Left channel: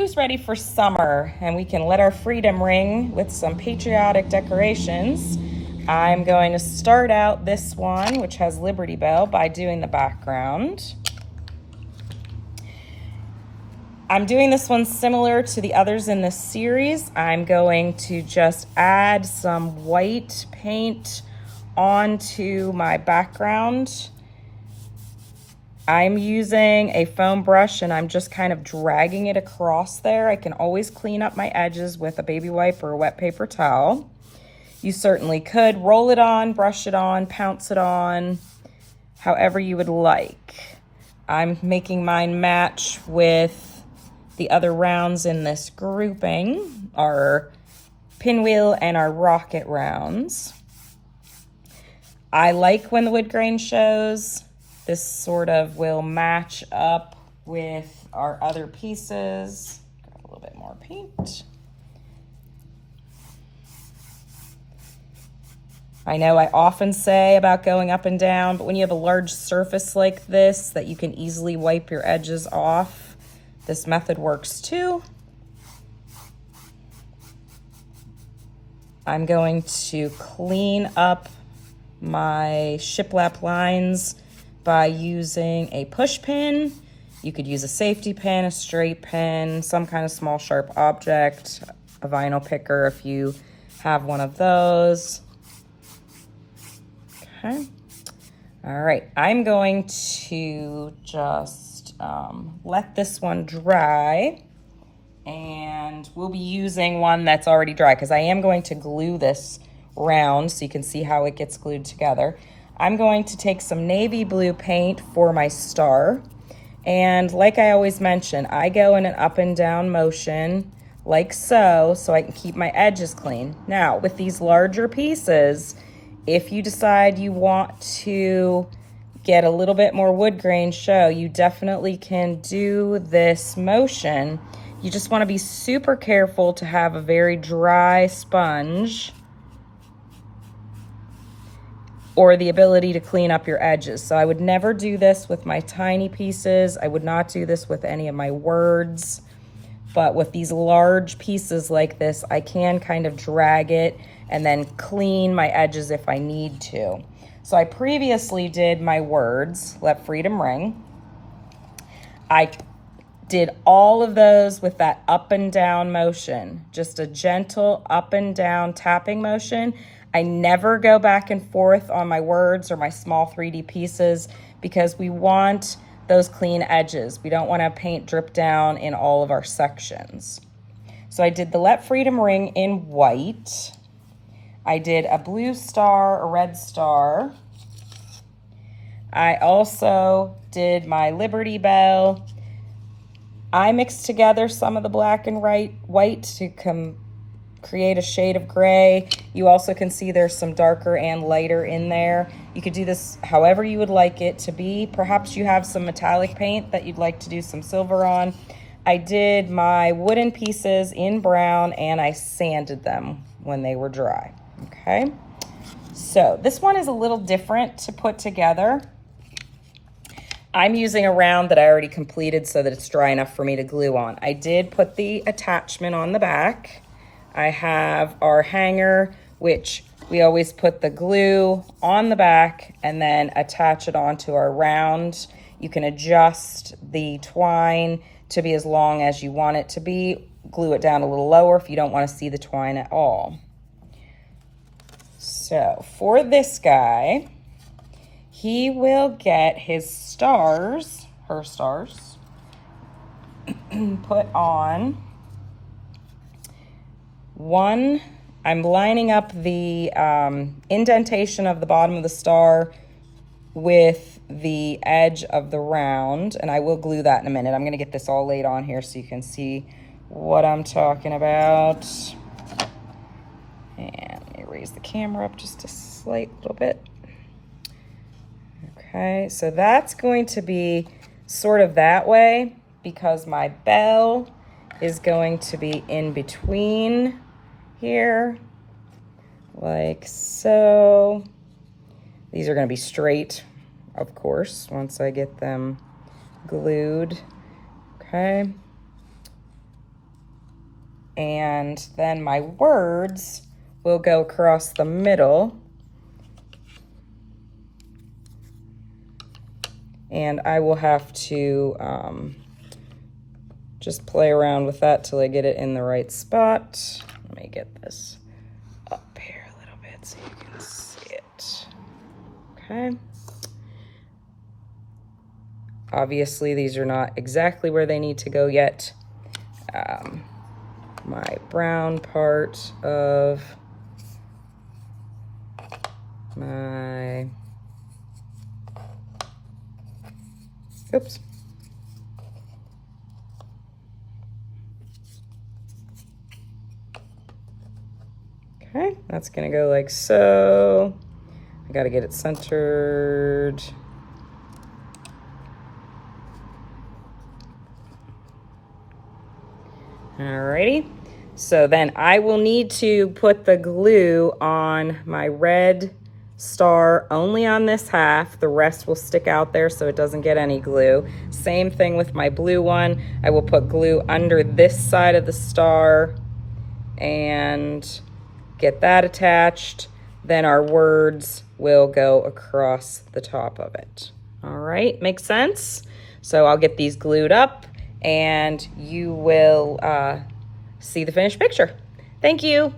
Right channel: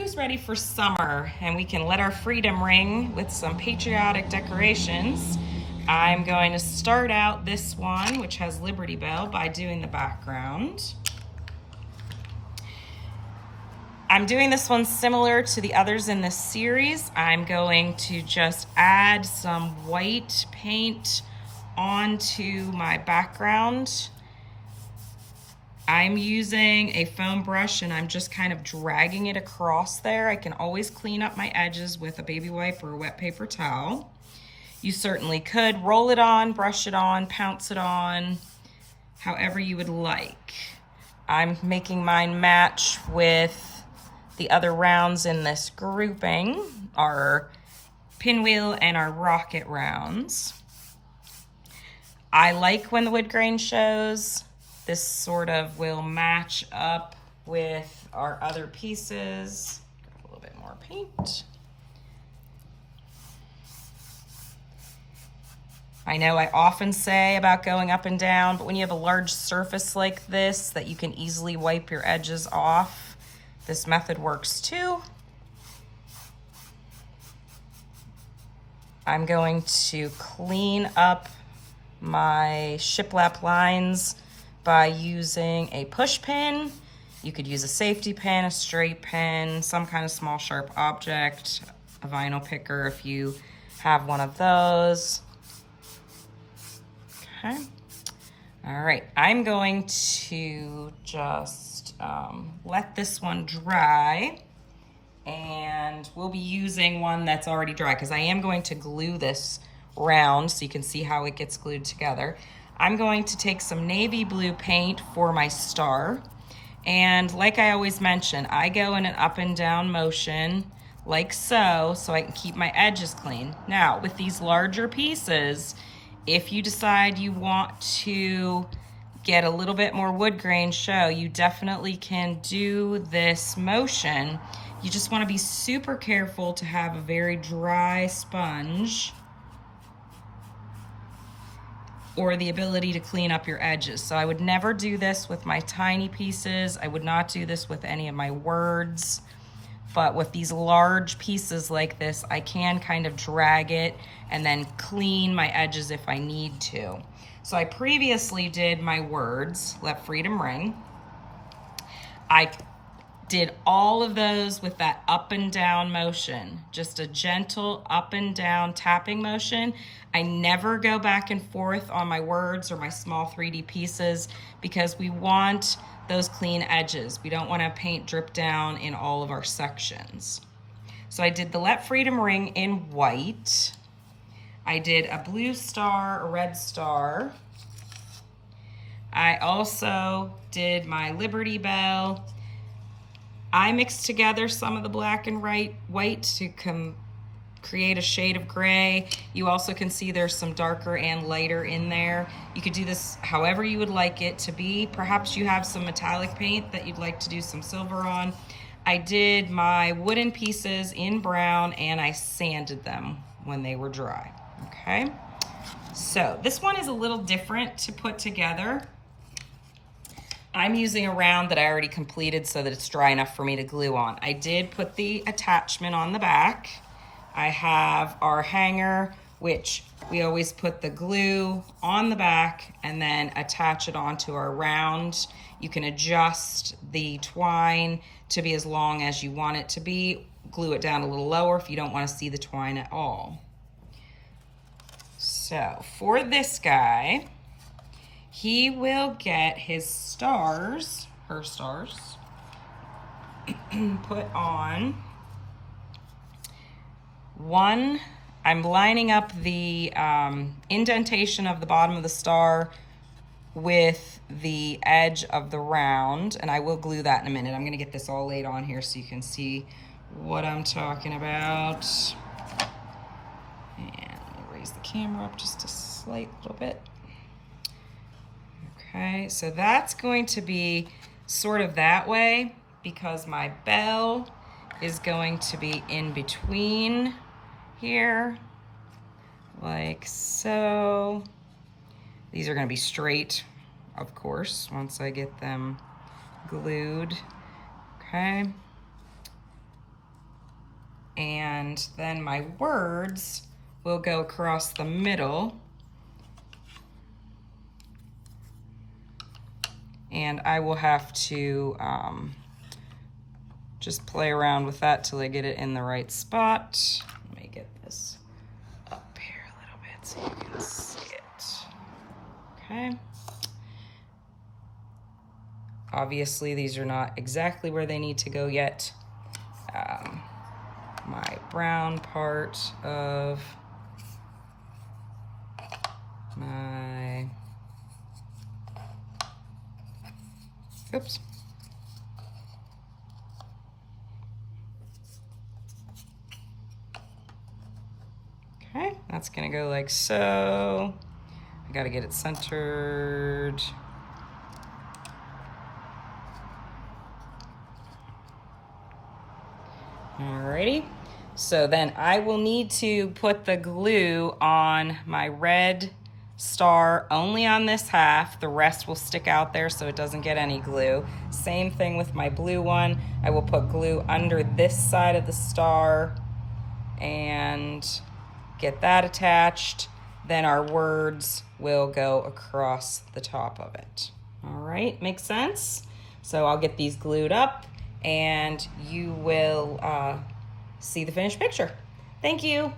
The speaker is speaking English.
Who's ready for summer? And we can let our freedom ring with some patriotic decorations. I'm going to start out this one, which has Liberty Bell, by doing the background. I'm doing this one similar to the others in this series. I'm going to just add some white paint onto my background. I'm using a foam brush and I'm just kind of dragging it across there. I can always clean up my edges with a baby wipe or a wet paper towel. You certainly could roll it on, brush it on, pounce it on, however you would like. I'm making mine match with the other rounds in this grouping, our pinwheel and our rocket rounds. I like when the wood grain shows. This sort of will match up with our other pieces. Got a little bit more paint. I know I often say about going up and down, but when you have a large surface like this that you can easily wipe your edges off, this method works too. I'm going to clean up my shiplap lines by using a push pin. You could use a safety pin, a straight pin, some kind of small sharp object, a vinyl picker if you have one of those. Okay. All right, I'm going to just let this one dry, and we'll be using one that's already dry because I am going to glue this round so you can see how it gets glued together. I'm going to take some navy blue paint for my star, and like I always mention, I go in an up and down motion like so I can keep my edges clean. Now with these larger pieces, if you decide you want to get a little bit more wood grain show, you definitely can do this motion. You just want to be super careful to have a very dry sponge or the ability to clean up your edges. So I would never do this with my tiny pieces. I would not do this with any of my words. But with these large pieces like this, I can kind of drag it and then clean my edges if I need to. So I previously did my words, Let Freedom Ring. I did all of those with that up and down motion, just a gentle up and down tapping motion. I never go back and forth on my words or my small 3D pieces because we want those clean edges. We don't want to have paint drip down in all of our sections. So I did the Let Freedom Ring in white. I did a blue star, a red star. I also did my Liberty Bell. I mixed together some of the black and white to create a shade of gray. You also can see there's some darker and lighter in there. You could do this however you would like it to be. Perhaps you have some metallic paint that you'd like to do some silver on. I did my wooden pieces in brown and I sanded them when they were dry, okay? So this one is a little different to put together. I'm using a round that I already completed so that it's dry enough for me to glue on. I did put the attachment on the back. I have our hanger, which we always put the glue on the back and then attach it onto our round. You can adjust the twine to be as long as you want it to be. Glue it down a little lower if you don't want to see the twine at all. So for this guy, he will get his stars, her stars, put on. One, I'm lining up the indentation of the bottom of the star with the edge of the round, and I will glue that in a minute. I'm going to get this all laid on here so you can see what I'm talking about. And let me raise the camera up just a slight little bit. Okay, so that's going to be sort of that way because my bell is going to be in between here, like so. These are going to be straight, of course, once I get them glued. Okay. And then my words will go across the middle. And I will have to just play around with that till I get it in the right spot. Let me get this up here a little bit so you can see it. Okay. Obviously, these are not exactly where they need to go yet. My brown part of my, oops. Okay, that's gonna go like so. I gotta get it centered. Alrighty, so then I will need to put the glue on my red star only on this half. The rest will stick out there so it doesn't get any glue. Same thing with my blue one. I will put glue under this side of the star and get that attached. Then our words will go across the top of it. All right, makes sense? So I'll get these glued up and you will see the finished picture. Thank you.